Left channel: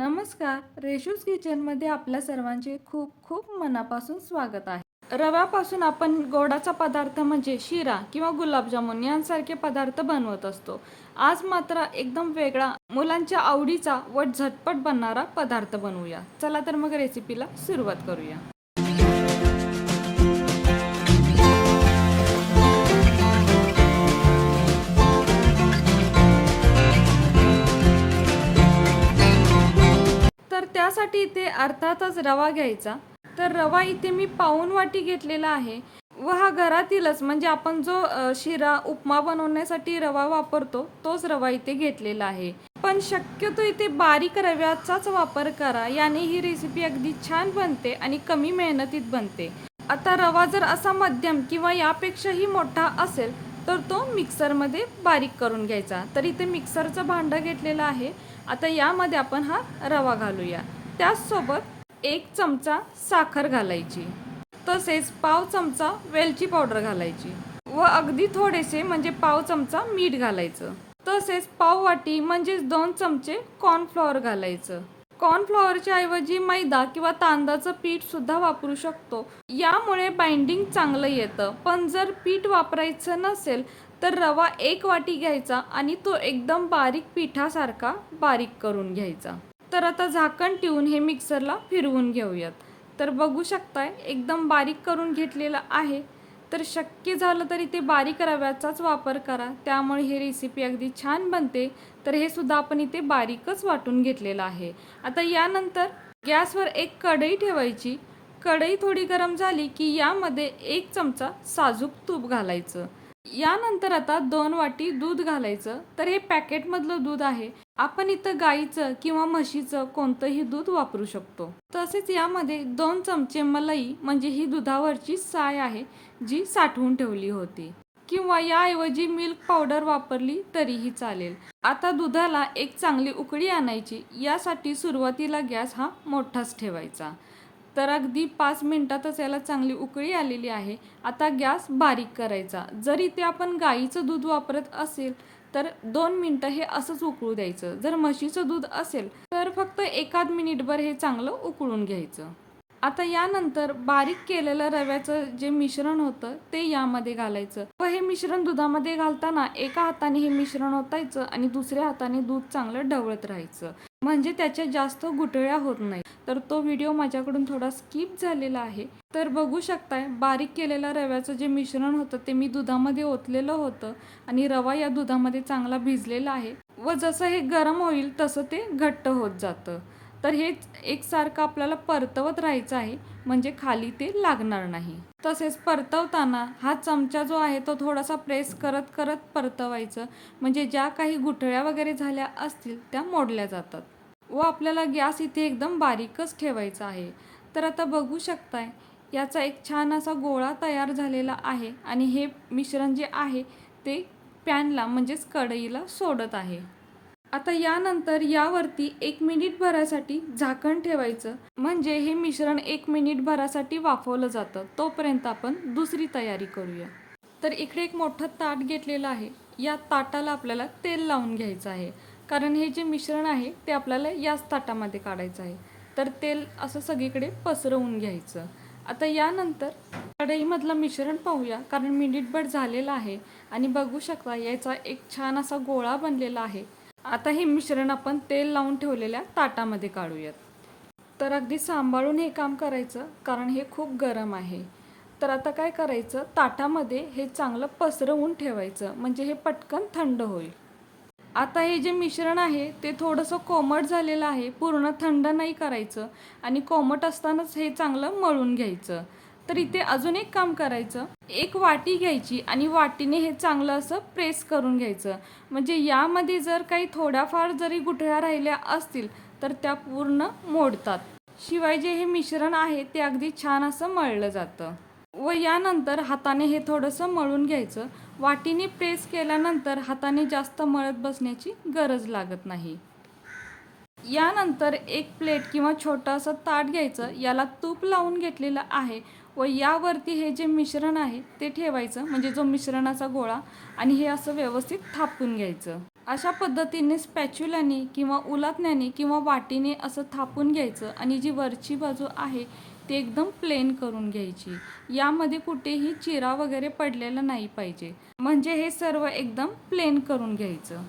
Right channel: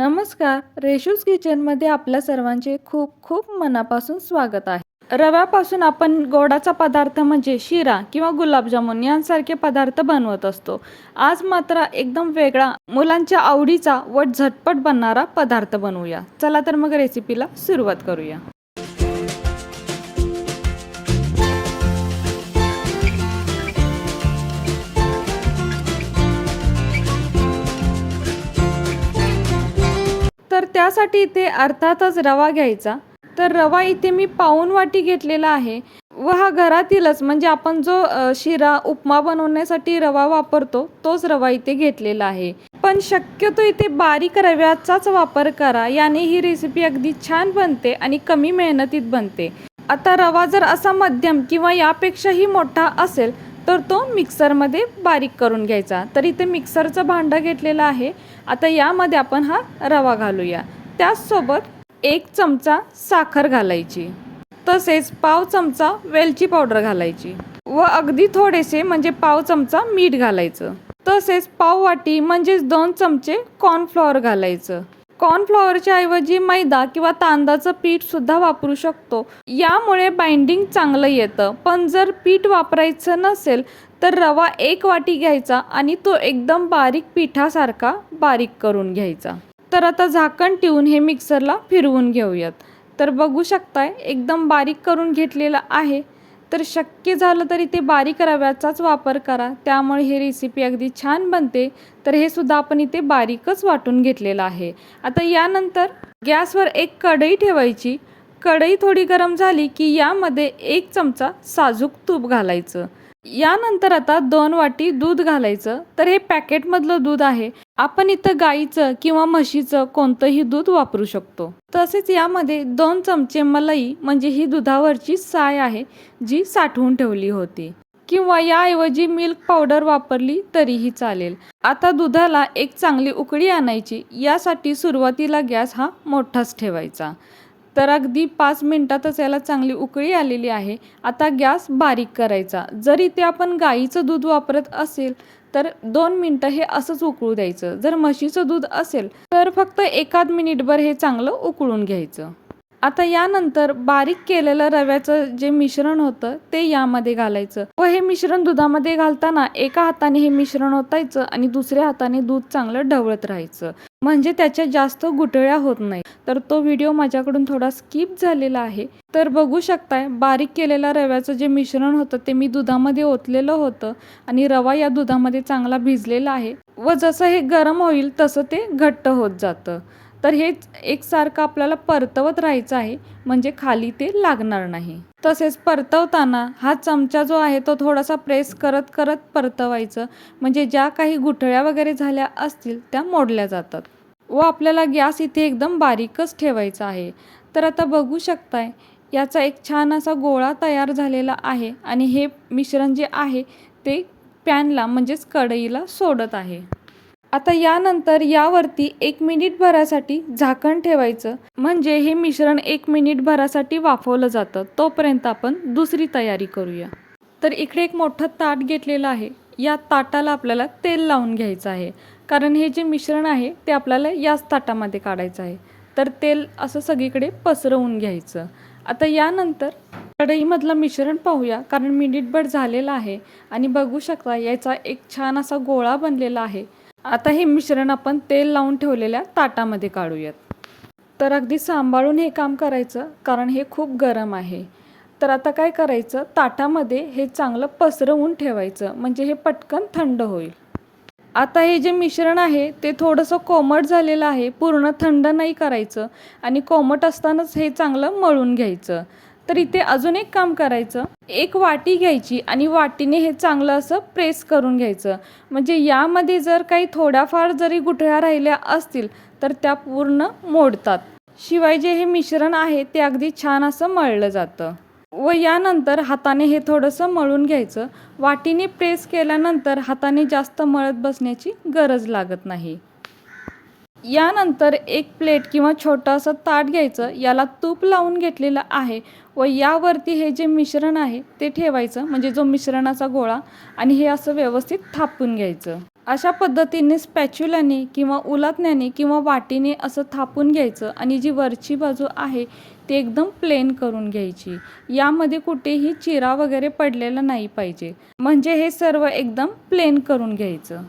नमस्कार रेशूज किचनमध्ये आपल्या सर्वांचे खूप खूप मनापासून स्वागत आहे. रव्यापासून आपण गोडाचा पदार्थ म्हणजे शिरा किंवा गुलाबजामुन यांसारखे पदार्थ बनवत असतो. आज मात्र एकदम वेगळा मुलांच्या आवडीचा व झटपट बनणारा पदार्थ बनवूया. चला तर मग रेसिपीला सुरुवात करूया. त्यासाठी इथे अर्थातच रवा घ्यायचा. तर रवा इथे मी पाऊन वाटी घेतलेला आहे. व हा घरातीलच म्हणजे आपण जो शिरा उपमा बनवण्यासाठी रवा वापरतो तोच रवा इथे घेतलेला आहे. पण शक्यतो इथे बारीक रव्याचाच वापर करा याने ही रेसिपी अगदी छान बनते आणि कमी मेहनतीत बनते. आता रवा जर असा मध्यम किंवा यापेक्षाही मोठा असेल तर तो मिक्सरमध्ये बारीक करून घ्यायचा. तर इथे मिक्सरचं भांडं घेतलेलं आहे. आता यामध्ये आपण हा रवा घालूया. त्याचसोबत एक चमचा साखर घालायची. तसेच पाव चमचा वेलची पावडर घालायची. व अगदी थोडेसे म्हणजे पाव चमचा मीठ घालायचं. तसेच पाव वाटी म्हणजेच दोन चमचे कॉर्नफ्लॉवर घालायचं. कॉर्नफ्लॉवरच्या ऐवजी मैदा किंवा तांदळाचं पीठ सुद्धा वापरू शकतो. यामुळे बाइंडिंग चांगलं येतं. पण जर पीठ वापरायचं नसेल तर रवा एक वाटी घ्यायचा आणि तो एकदम बारीक पिठासारखा बारीक करून घ्यायचा. तर आता झाकण ठेवून हे मिक्सरला फिरवून घेऊयात. तर बघू शकताय एकदम बारीक करून घेतलेलं आहे. तर शक्य झालं तरी ते बारीक रव्याचाच वापर करा. त्यामुळे ही रेसिपी अगदी छान बनते. तर हे सुद्धा आपण इथे बारीकच वाटून घेतलेलं आहे. आता यानंतर गॅसवर एक कढई ठेवायची. कढई थोडी गरम झाली की यामध्ये एक चमचा साजूक तूप घालायचं. यानंतर आता दोन वाटी दूध घालायचं. तर हे पॅकेटमधलं दूध आहे. आपण इथं गाईचं किंवा म्हशीचं कोणतंही दूध वापरू शकतो. तसेच यामध्ये दोन चमचे मलाई म्हणजे ही दुधावरची साय आहे जी साठवून ठेवली होती. किंवा याऐवजी मिल्क पावडर वापरली तरीही चालेल. आता दुधाला एक चांगली उकळी आणायची. यासाठी सुरुवातीला गॅस हा मोठाच ठेवायचा. तर अगदी पाच मिनटातच याला चांगली उकळी आलेली आहे. आता गॅस बारीक करायचा. जर इथे आपण गाईचं दूध वापरत असेल तर दोन मिनटं हे असंच उकळू द्यायचं. जर म्हशीचं दूध असेल तर फक्त एकाद मिनिटभर हे चांगलं उकळून घ्यायचं. आता यानंतर बारीक केलेलं रव्याचं जे मिश्रण होतं ते यामध्ये घालायचं. व हे मिश्रण दुधामध्ये घालताना एका हाताने हे मिश्रण ओतायचं आणि दुसऱ्या हाताने दूध चांगलं ढवळत राहायचं. म्हणजे त्याच्या जास्त गुटळ्या होत नाही. तर तो व्हिडिओ माझ्याकडून थोडा स्किप झालेला आहे. तर बघू शकताय बारीक केलेल्या रव्याचं जे मिश्रण होतं ते मी दुधामध्ये ओतलेलं होतं आणि रवा या दुधामध्ये चांगला भिजलेला आहे. व जसं हे गरम होईल तसं ते घट्ट होत जातं. तर हे एकसारखं आपल्याला परतवत राहायचं आहे म्हणजे खाली ते लागणार नाही. तसेच परतवताना हा चमचा जो आहे तो थोडासा प्रेस करत करत परतवायचं म्हणजे ज्या काही गुठळ्या वगैरे झाल्या असतील त्या मोडल्या जातात. व आपल्याला गॅस इथे एकदम बारीकच ठेवायचा आहे. तर आता बघू शकताय याचा एक छान असा गोळा तयार झालेला आहे आणि हे मिश्रण जे आहे ते पॅनला म्हणजेच कढईला सोडत आहे. आता यानंतर यावरती एक मिनिट भरासाठी झाकण ठेवायचं. म्हणजे हे मिश्रण एक मिनिट भरासाठी वाफवलं जातं. तोपर्यंत आपण दुसरी तयारी करूया. तर इकडे एक मोठं ताट घेतलेलं आहे. या ताटाला आपल्याला तेल लावून घ्यायचं आहे. कारण हे जे मिश्रण आहे ते आपल्याला याच ताटामध्ये काढायचं आहे. तर तेल असं सगळीकडे पसरवून घ्यायचं. आता यानंतर कढईमधलं मिश्रण पाहूया. कारण मिनिटभर झालेलं आहे. आणि बघू शकता याचा एक छान असा गोळा बनलेला आहे. आता हे मिश्रण आपण तेल लावून ठेवलेल्या ताटामध्ये काढूयात. तर अगदी सांभाळून हे काम करायचं कारण हे खूप गरम आहे. तर आता काय करायचं ताटामध्ये हे चांगलं पसरवून ठेवायचं म्हणजे हे पटकन थंड होईल. आता हे जे मिश्रण आहे ते थोडंसं कोमट झालेलं आहे पूर्ण थंड नाही करायचं आणि कोमट असतानाच हे चांगलं मळून घ्यायचं. तर इथे अजून एक काम करायचं. एक वाटी घ्यायची आणि वाटीने हे चांगलं असं प्रेस करून घ्यायचं. म्हणजे यामध्ये जर काही थोड्याफार जरी गुठळ्या राहिल्या असतील तर त्या पूर्ण मोडतात. शिवाय जे हे मिश्रण आहे ते अगदी छान असं मळलं जातं. व यानंतर हाताने हे थोडंसं मळून घ्यायचं. वाटीने प्रेस केल्यानंतर हाताने जास्त मळत बसण्याची गरज लागत नाही. यानंतर एक प्लेट किंवा छोटासा ताट घ्यायचं. याला तूप लावून घेतलेलं आहे. व यावरती हे जे मिश्रण आहे ते ठेवायचं. म्हणजे जो मिश्रणाचा गोळा आणि हे असं व्यवस्थित थापून घ्यायचं. अशा पद्धतीने स्पॅच्युलाने किंवा उलातण्याने किंवा वाटीने असं थापून घ्यायचं आणि जी वरची बाजू आहे ती एकदम प्लेन करून घ्यायची. यामध्ये कुठेही चिरा वगैरे पडलेला नाही पाहिजे. म्हणजे हे सर्व एकदम प्लेन करून घ्यायचं.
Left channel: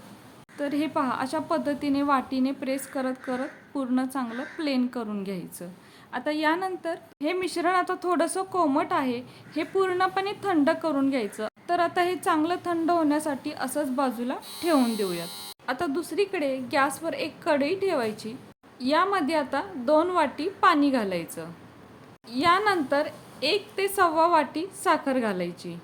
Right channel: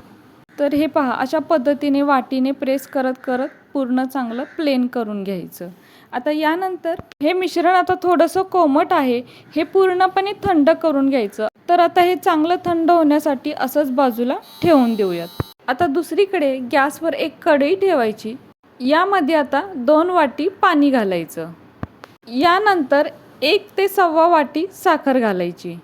तर हे पहा अशा पद्धतीने वाटीने प्रेस करत करत पूर्ण चांगलं प्लेन करून घ्यायचं. आता यानंतर हे मिश्रण आता थोडंसं कोमट आहे हे पूर्णपणे थंड करून घ्यायचं. तर आता हे चांगलं थंड होण्यासाठी असंच बाजूला ठेवून देऊयात. आता दुसरीकडे गॅसवर एक कढई ठेवायची. यामध्ये आता दोन वाटी पाणी घालायचं. यानंतर एक ते सव्वा वाटी साखर घालायची.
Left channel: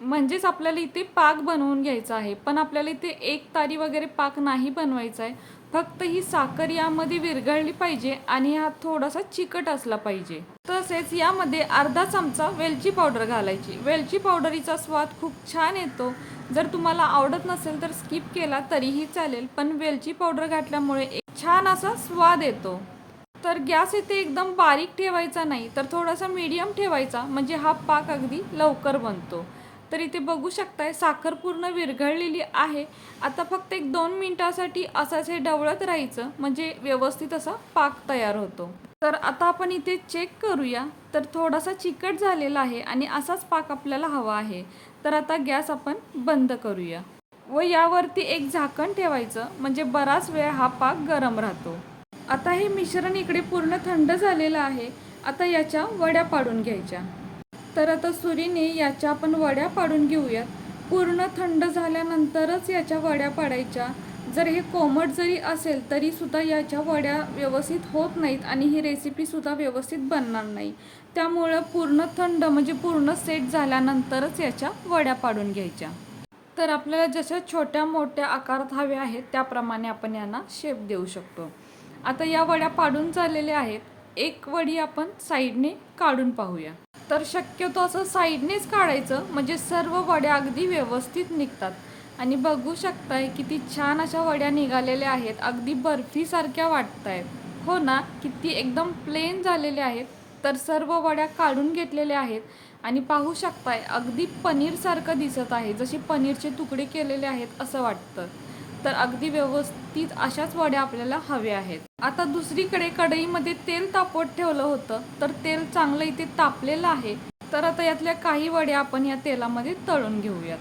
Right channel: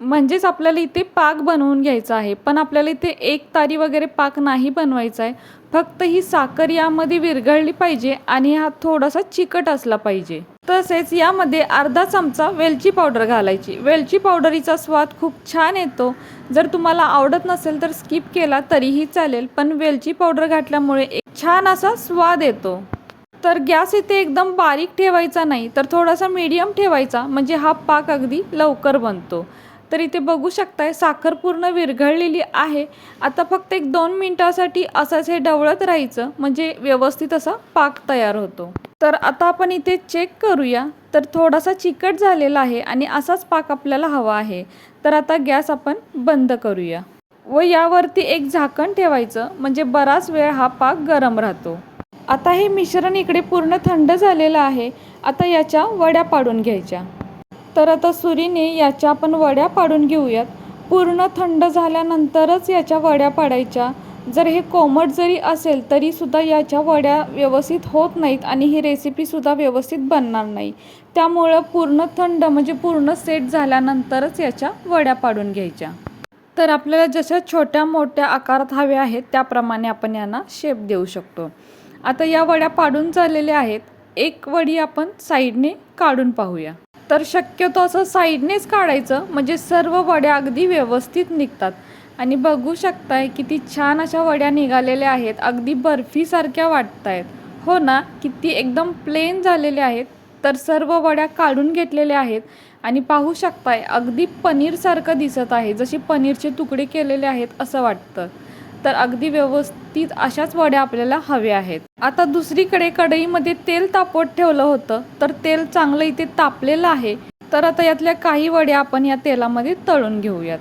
म्हणजेच आपल्याला इथे पाक बनवून घ्यायचा आहे पण आपल्याला इथे एक तारी वगैरे पाक नाही बनवायचा आहे फक्त ही साखर यामध्ये विरघळली पाहिजे आणि हा थोडासा चिकट असला पाहिजे. तसेच यामध्ये अर्धा चमचा वेलची पावडर घालायची. वेलची पावडरीचा स्वाद खूप छान येतो. जर तुम्हाला आवडत नसेल तर स्किप केला तरीही चालेल पण वेलची पावडर घातल्यामुळे एक छान असा स्वाद येतो. तर गॅस इथे एकदम बारीक ठेवायचा नाही तर थोडासा मीडियम ठेवायचा म्हणजे हा पाक अगदी लवकर बनतो. तर इथे बघू शकताय. साखर पूर्ण विरघळलेली आहे. आता फक्त एक दोन मिनिटासाठी असंच हे ढवळत राहायचं. म्हणजे व्यवस्थित असा पाक तयार होतो. तर आता आपण इथे चेक करूया. तर थोडासा चिकट झालेला आहे आणि असाच पाक आपल्याला हवा आहे. तर आता गॅस आपण बंद करूया. व यावरती एक झाकण ठेवायचं. म्हणजे बराच वेळ हा पाक गरम राहतो. आता हे मिश्रण इकडे पूर्ण थंड झालेलं आहे. आता याच्या वड्या पाडून घ्यायच्या. तर आता सुरीने याच्या आपण वड्या पाडून घेऊयात. पूर्ण थंड झाल्यानंतरच याच्या वड्या पाडायच्या. जर हे कोमट जरी असेल तरी सुद्धा याच्या वड्या व्यवस्थित होत नाहीत आणि ही रेसिपीसुद्धा व्यवस्थित बनणार नाही. त्यामुळं पूर्ण थंड म्हणजे पूर्ण सेट झाल्यानंतरच याच्या वड्या पाडून घ्यायच्या. तर आपल्याला जशा छोट्या मोठ्या आकारात हव्या आहेत त्याप्रमाणे आपण यांना शेप देऊ शकतो. आता या वड्या पाडून झालेल्या आहेत. एक वडी आपण साईडने काढून पाहूया. तर शक्यतो असं साईडनेच काढायचं म्हणजे सर्व वड्या अगदी व्यवस्थित निघतात. आणि बघू शकताय किती छान अशा वड्या निघालेल्या आहेत अगदी बर्फीसारख्या वाटत आहेत हो ना? किती एकदम प्लेन झालेल्या आहेत तर सर्व वड्या काढून घेतलेल्या आहेत. आणि पाहू शकताय अगदी पनीरसारखं दिसत आहे जसे पनीरचे तुकडे केलेले आहेत असं वाटतं. तर अगदी व्यवस्थित अशाच वड्या आपल्याला हव्या आहेत. आता दुसरीकडे कढईमध्ये तेल तापवत ठेवलं होतं तर तेल चांगलं इथे तापलेलं आहे. तर आता यातल्या काही वड्या आपण या तेलामध्ये तळून घेऊयात.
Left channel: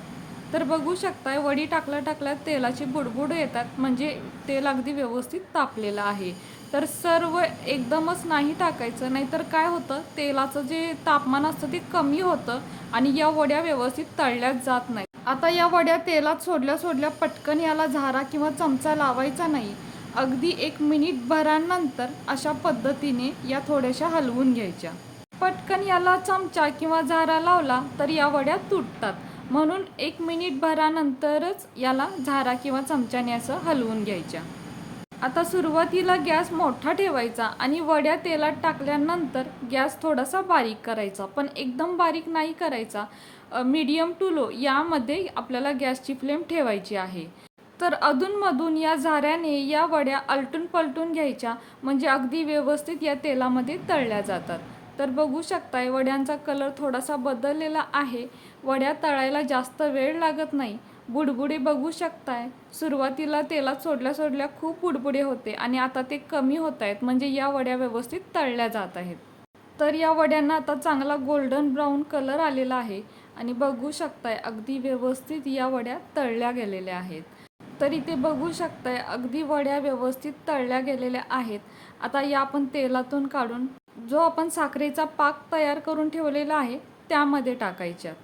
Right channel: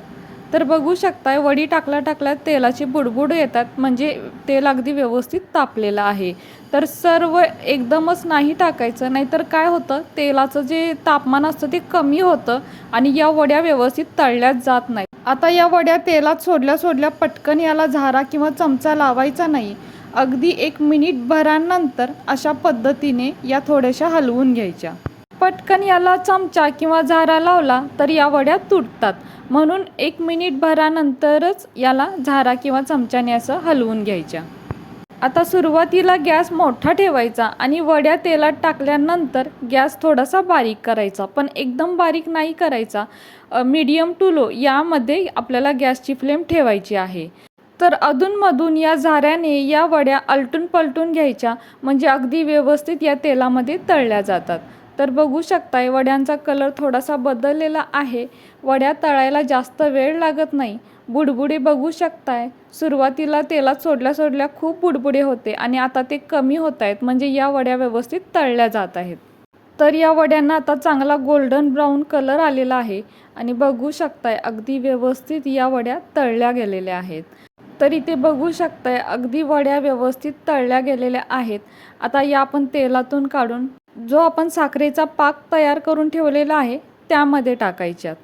तर बघू शकताय वडी टाकल्या टाकल्या तेलाचे बुडबुड येतात म्हणजे तेल अगदी व्यवस्थित तापलेलं आहे. तर सर्व एकदमच नाही टाकायचं नाहीतर काय होतं तेलाचं जे तापमान असतं ते कमी होतं आणि या वड्या व्यवस्थित तळल्याच जात नाही आता या वड्या तेलात सोडल्या सोडल्या पटकन याला झारा किंवा चमचा लावायचा नाही. अगदी एक मिनिट भरानंतर अशा पद्धतीने या थोड्याशा हलवून घ्यायच्या. पटकन याला चमचा किंवा झारा लावला तर या वड्या तुटतात. म्हणून एक मिनिट भरानंतरच याला झारा किंवा चमच्याने असं हलवून घ्यायच्या. आता सुरुवातीला गॅस मोठा ठेवायचा आणि वड्या तेलात टाकल्यानंतर गॅस थोडासा बारीक करायचा. पण एकदम बारीक नाही करायचा. मीडियम टू लो यामध्ये आपल्याला गॅसची फ्लेम ठेवायची आहे. तर अधूनमधून या झाऱ्याने या वड्या अलटून पलटून घ्यायच्या म्हणजे अगदी व्यवस्थित या तेलामध्ये तळल्या जातात. तर बघू शकताय वड्यांचा कलर थोडासा बदललेला आहे. वड्या तळायला जास्त वेळ लागत नाही. बुडबुडे बघू शकताय. सुरुवातीला तेलात सोडल्या सोडल्या खूप बुडबुडे होते आणि आता ते कमी होत आहेत म्हणजे या वड्या व्यवस्थित तळल्या जात आहेत. तर या वड्यांना आता चांगला गोल्डन ब्राऊन कलर आलेला आहे. आणि बघू शकताय अगदी व्यवस्थित या वड्या तळल्या गेलेल्या आहेत. तर इथे बघू शकताय अगदी वड्या व्यवस्थित तळल्या गेलेल्या आहेत. आता या आपण तेलातून काढून जो आपण साखरेचा पाक तयार करून ठेवलेला आहे त्यामध्ये टाकायच्यात.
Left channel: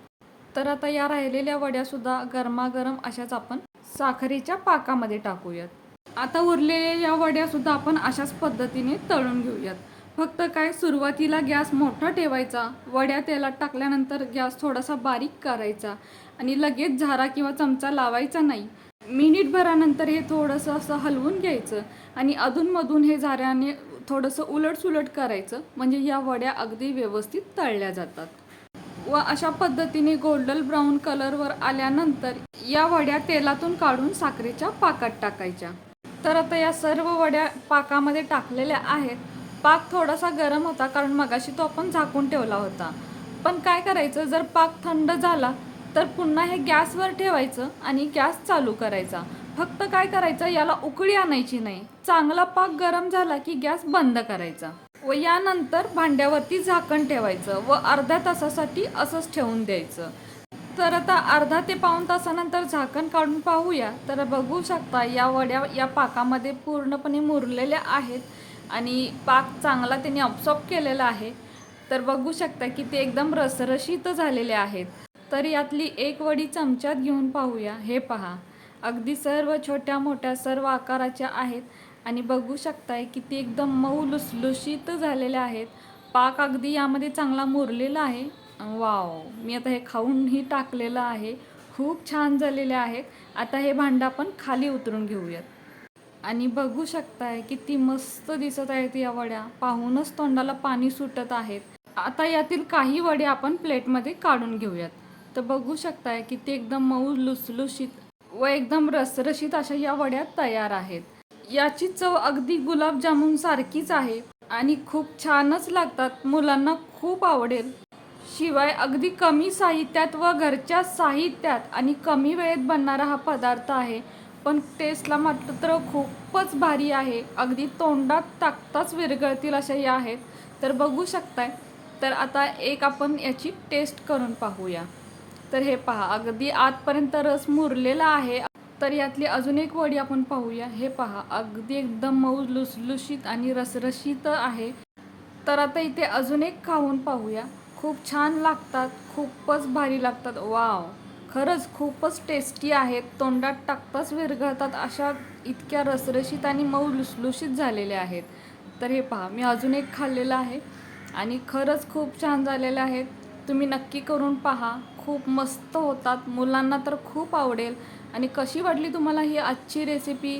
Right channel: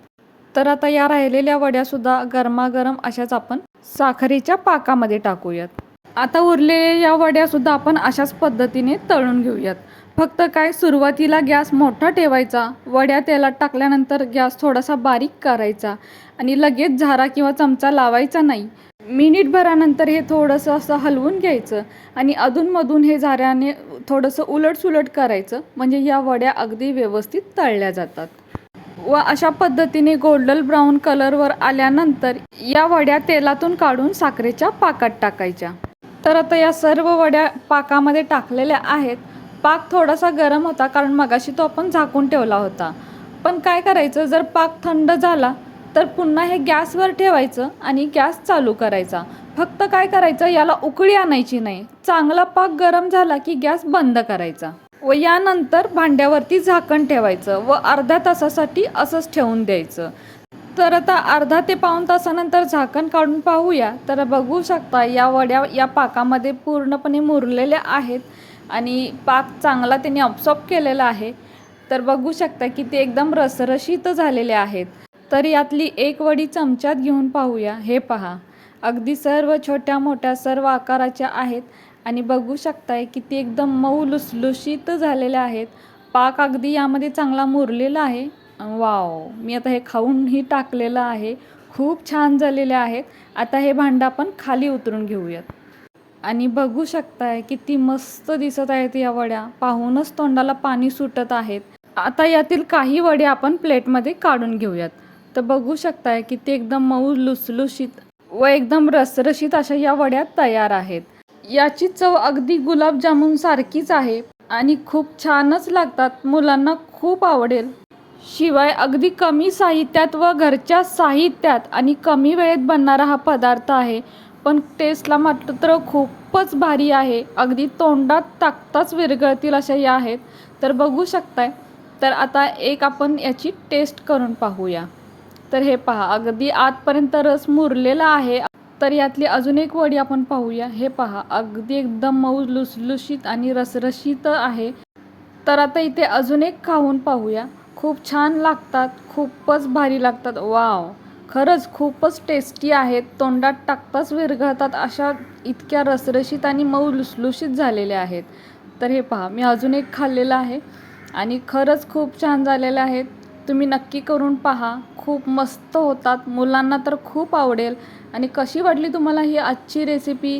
तर आता या राहिलेल्या वड्यासुद्धा गरमागरम अशाच आपण साखरेच्या पाकामध्ये टाकूयात. आता उरलेल्या या वड्यासुद्धा आपण अशाच पद्धतीने तळून घेऊयात. फक्त काय सुरुवातीला गॅस मोठा ठेवायचा वड्या तेलात टाकल्यानंतर गॅस थोडासा बारीक करायचा आणि लगेच झारा किंवा चमचा लावायचा नाही. मिनिटभरानंतर हे थोडंसं असं हलवून घ्यायचं आणि अधूनमधून हे झाऱ्याने थोडंसं उलटसुलट करायचं म्हणजे या वड्या अगदी व्यवस्थित तळल्या जातात. व अशा पद्धतीने गोल्डन ब्राऊन कलरवर आल्यानंतर या वड्या तेलातून काढून साखरेच्या पाकात टाकायच्या. तर आता या सर्व वड्या पाकामध्ये टाकलेल्या आहेत. पाक थोडासा गरम होता कारण मगाशी तो आपण झाकून ठेवला होता. पण काय करायचं जर पाक थंड झाला तर पुन्हा हे गॅसवर ठेवायचं आणि गॅस चालू करायचा. फक्त काय करायचं याला उकळी आणायची नाही. चांगला पाक गरम झाला की गॅस बंद करायचा. व यानंतर भांड्यावरती झाकण ठेवायचं व अर्ध्या तासासाठी असंच ठेवून द्यायचं. तर आता अर्धा ते पाऊण तासानंतर झाकण काढून पाहूया. तर बघू शकता या वड्या या पाकामध्ये पूर्णपणे मुरलेल्या आहेत. आणि पाक चांगला त्यांनी ऑब्सॉर्ब केलेला आहे. तर बघू शकता की ते एकदम रसरशीत झालेले आहेत. तर यातली एक वडी चमच्यात घेऊन पाहूया. हे पहा. अगदी सर्व छोट्या मोठ्या सर्व आकाराच्या आहेत. आणि बघू शकताय की ती एकदम मऊ लुसलुशीत झालेल्या आहेत. पाक अगदी यामध्ये चांगला मुरलेला आहे. वाव. मी आता हे खाऊनही टाकलेलं आहे. खूप छान झालेले आहेत. आता हे भांडं आपण खाली उतरून घेऊयात. आणि बघू शकताय किती मस्त दिसत आहेत या वड्या. पाहूनच तोंडाला पाणी सुटत आहेत. आता यातील काही वड्या आपण प्लेटमध्ये काढून घेऊयात. तर बघू शकताय किती एकदम मऊ लुसलुशीत व एकदम रसरशीत अशा या वड्या तयार आहेत. याची चव अगदी गुलाबजामुन सारखीच आहे आणि खूप छानच लागतात. मुलांना खूप आवडेल. शिवाय अगदी कमी साहित्यात व घरच्या साहित्यात आणि कमी वेळेत बनणारा हा पदार्थ आहे. पण टेस्टला मात्र खूपच भारी आहे. अगदी तोंडात टाकताच विरघळतील अशा या आहेत. तर बघू शकताय. तर आता एक आपण याची टेस्ट करून पाहूया. तर हे पहा अगदी आतपर्यंत रस मुरलेला आहे. तर यातली अजून एक वडी आपण पाहूया. हे पहा अगदी एकदम मऊ लुसलुशीत आणि रसरशीत आहे. तर आता इथे अजून एक खाऊन पाहूया. खूप छान लागतात खूपच भारी लागतात. वाव! खरंच खूपच टेस्टी आहेत. तोंडात टाकताच विरघळतात अशा इतक्या रसरशीत आणि मऊ लुसलुशीत झालेल्या आहेत. तर हे पहा मी अजून एक खाल्लेलं आहे आणि खरंच खूप छान झालेलं आहेत तुम्ही नक्की करून पहा. खूप मस्त होतात. मुलांना तर खूप आवडेल. आणि कशी वाटली तुम्हाला ही आजची रेसिपी